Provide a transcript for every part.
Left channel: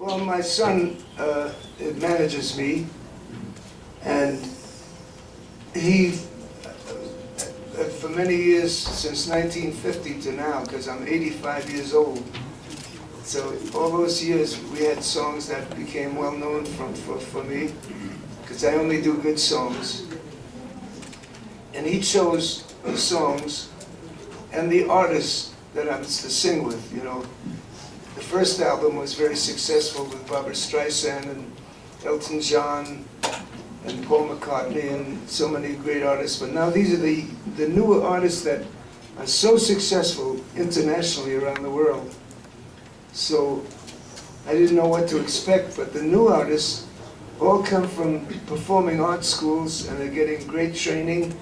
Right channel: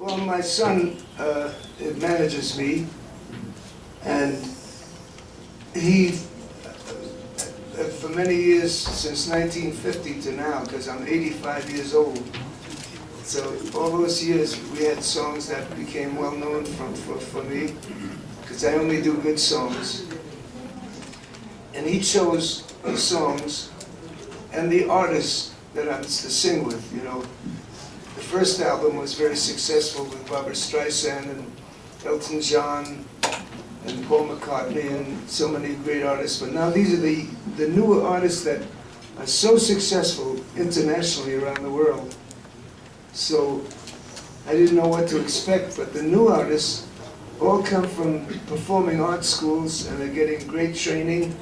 Well, my son manages me, and he, for many years, since 1950 to now, because I'm 85 years old, so all those years we had songs that became well known for me, because I only do good songs. And he chose the songs and the artists that I'm to sing with, you know. The first album was very successful with Barbra Streisand and Elton John and Paul McCartney and so many great artists. But now these are the newer artists that are so successful internationally around the world. So I didn't know what to expect, but the new artists all come from performing arts schools, and they're getting great training.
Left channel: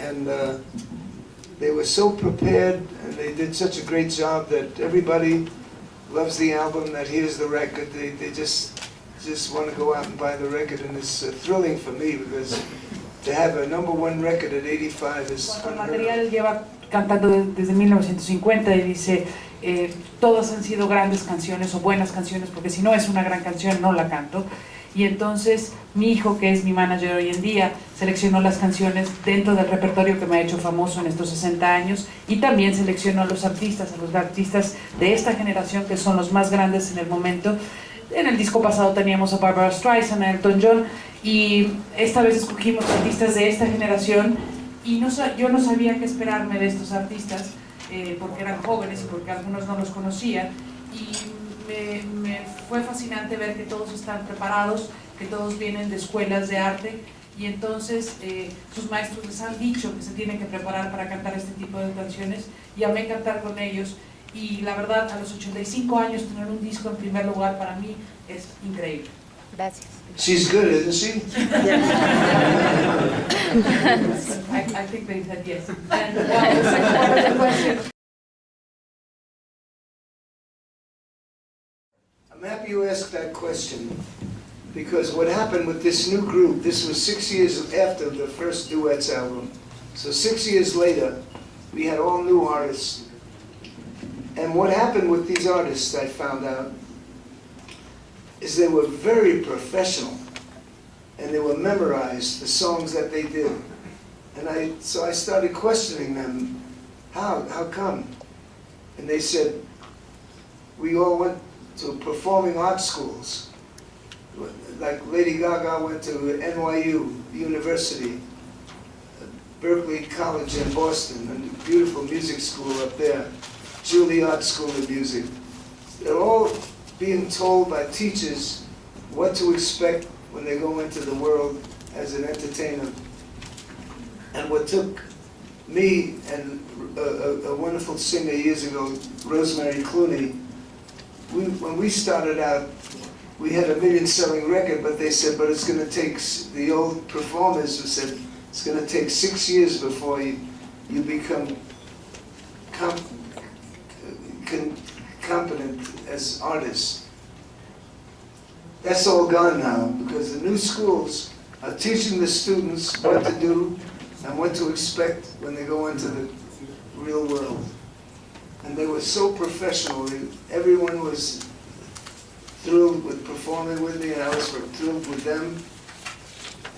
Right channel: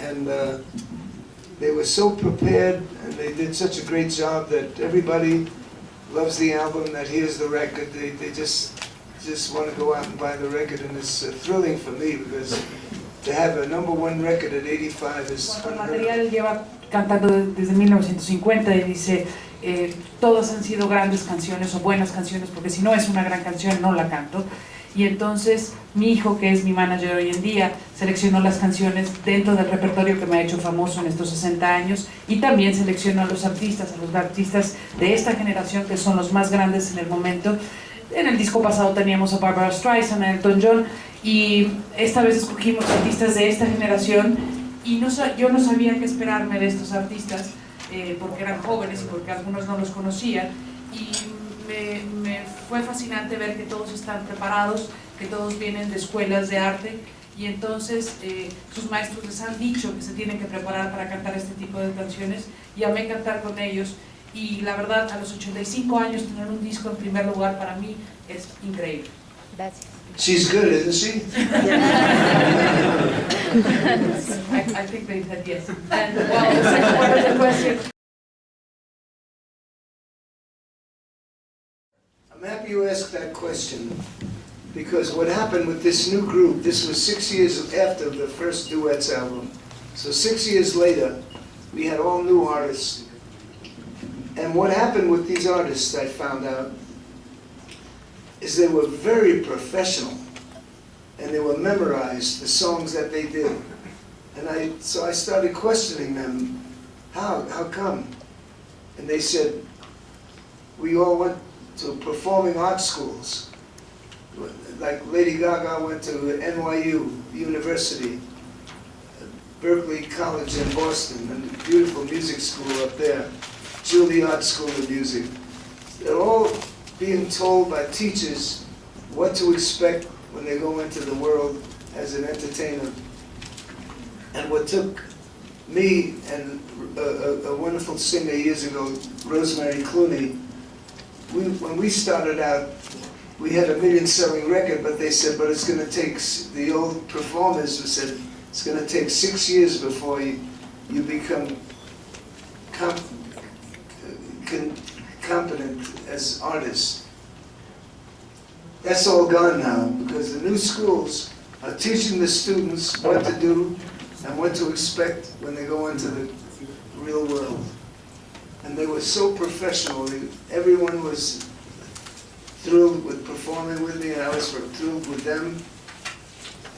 And they were so prepared, and they did such a great job that everybody loves the album, that hears the record. They just want to go out and buy the record, and it's thrilling for me, because to have a #1 record at 85 is unheard of. Él lleva cantando desde 1950 y dice, todas han sido grandes canciones o buenas canciones, porque si no es una gran canción no la canto. Y entonces mi hijo, que es mi manager hoy en día, seleccionó las canciones dentro del repertorio que me ha hecho famoso en estos 60 años, y también seleccionó a los artistas de esta generación, que son los más grandes en el momento. En el disco pasado teníamos a Barbra Streisand, a Elton John, y esta vez escogimos artistas de esta generación, y yo no sabía qué esperarme de estos artistas, porque eran jóvenes y porque algunos no los conocía, y me fue fascinante ver que todos están preparados, que todos vienen de escuelas de arte, y entonces sus maestros les han dicho que se tienen que preparar para cantar este tipo de canciones, y amé cantar con ellos, y la verdad, a los 85 años tener un disco en primer lugar para mí es increíble. Gracias. She's good, isn't she? I think they said yes. And well, the second part of the question. I'm happy you asked that question, because what happened with this new group, this was 6 years after the first Duets album. So 6 years later, we had all new artists. And what happened with these artists, I found out, is they were very professional, and they were memorized, the songs that they did. And so I started questioning them, how come? And they said, we all went to performing arts schools. Like Lady Gaga went to NYU University, Berkeley College in Boston, a beautiful music school up there, Juilliard School of Music. They're all being told by teachers what to expect when they go into the world as an entertainer. And what took me and a wonderful singer years ago, Rosemary Clooney, when we started out, we had a million-selling record, but they said, but it's going to take, the old performers who said, it's going to take 6 years before you become competent as artists. That's all gone now, because the new schools are teaching the students what to do and what to expect when they go into the real world. And they were so professional. Everyone was thrilled with performing with me, and I was thrilled with them,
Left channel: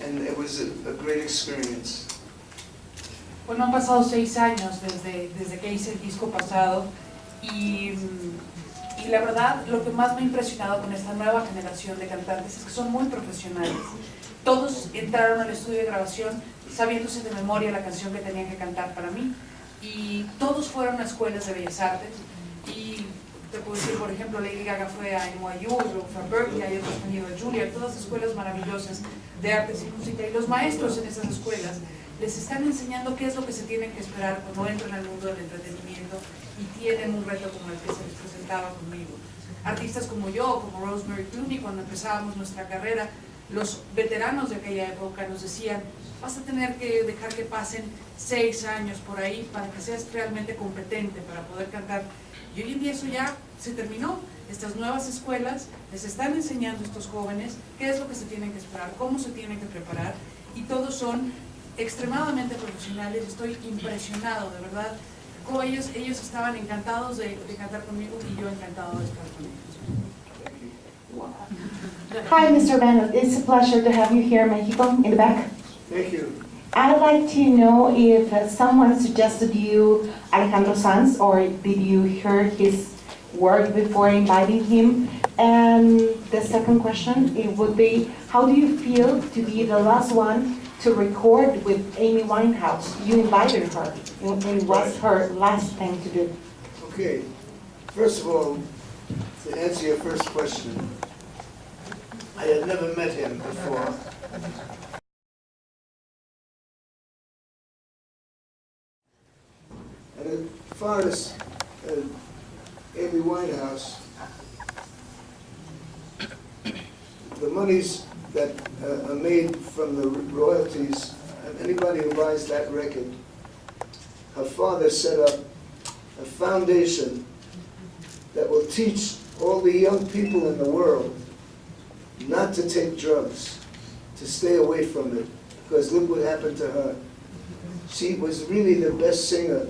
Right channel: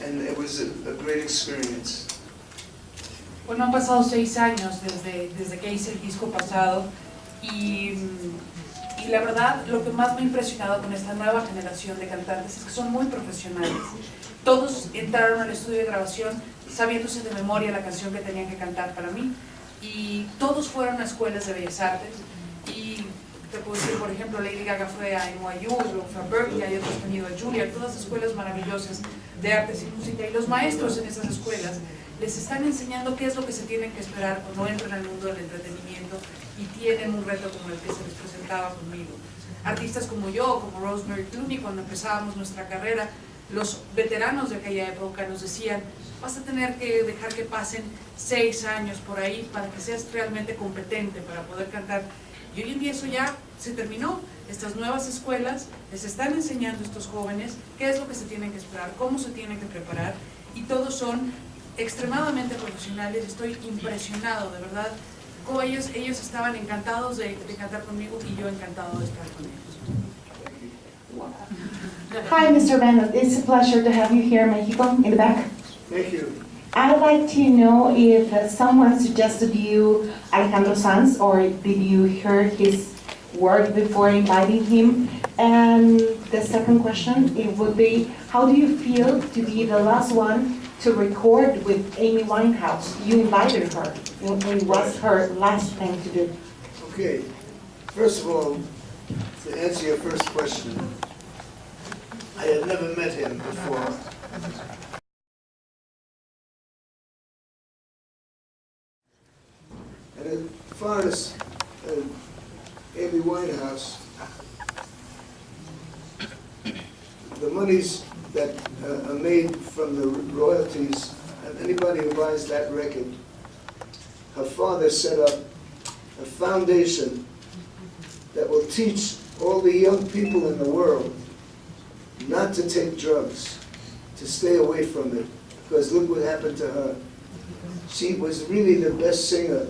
and it was a great experience. Bueno, han pasado 6 años desde que hice el disco pasado, y la verdad, lo que más me ha impresionado con esta nueva generación de cantantes es que son muy profesionales. Todos entraron al estudio de grabación sabiéndose de memoria la canción que tenían que cantar para mí, y todos fueron a escuelas de bellas artes. Y te puedo decir, por ejemplo, Lady Gaga fue a NYU, luego fue a Berkeley, hay otros que han ido a Juilliard, todas escuelas maravillosas de artes y música, y los maestros en esas escuelas les están enseñando qué es lo que se tienen que esperar cuando entran al mundo del entretenimiento y tienen un reto como el que se les presentaba conmigo. Artistas como yo, como Rosemary Clooney, cuando empezábamos nuestra carrera, los veteranos de aquella época nos decían, vas a tener que dejar que pasen 6 años por ahí para que seas realmente competente para poder cantar. Y hoy en día eso ya se terminó. Estas nuevas escuelas les están enseñando a estos jóvenes qué es lo que se tienen que esperar, cómo se tienen que preparar, y todos son extremadamente profesionales. Estoy impresionado, de verdad, ellos estaban encantados de cantar conmigo y yo encantado de estar con ellos. Hi, Mr. Bennett. It's a pleasure to have you here in Mexico, in the back. Thank you. I'd like to know if someone suggested you Alejandro Sanz, or did you hear his work before inviting him? And the second question, it would be, how do you feel to be the last one to record with Amy Winehouse? You invited her. It was her last thing to do. Okay, first of all, to answer your first question, I had never met him before. And as far as Amy Winehouse, the monies that are made from the royalties, and anybody who buys that record, her father set up a foundation that will teach all the young people in the world not to take drugs, to stay away from it, because look what happened to her. She was really the best singer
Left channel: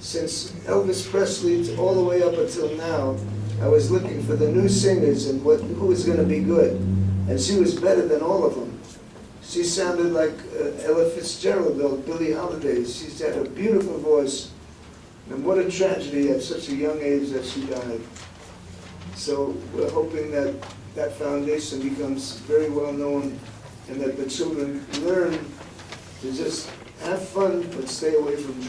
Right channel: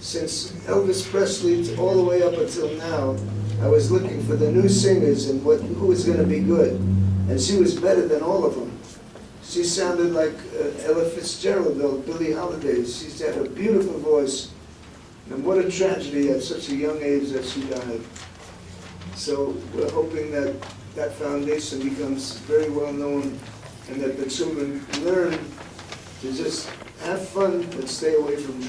since Elvis Presley all the way up until now. I was looking for the new singers and who was going to be good, and she was better than all of them. She sounded like Ella Fitzgerald, or Billie Holiday. She's had a beautiful voice, and what a tragedy at such a young age that she died. So we're hoping that that foundation becomes very well known, and that the children learn to just have fun but stay away from drugs.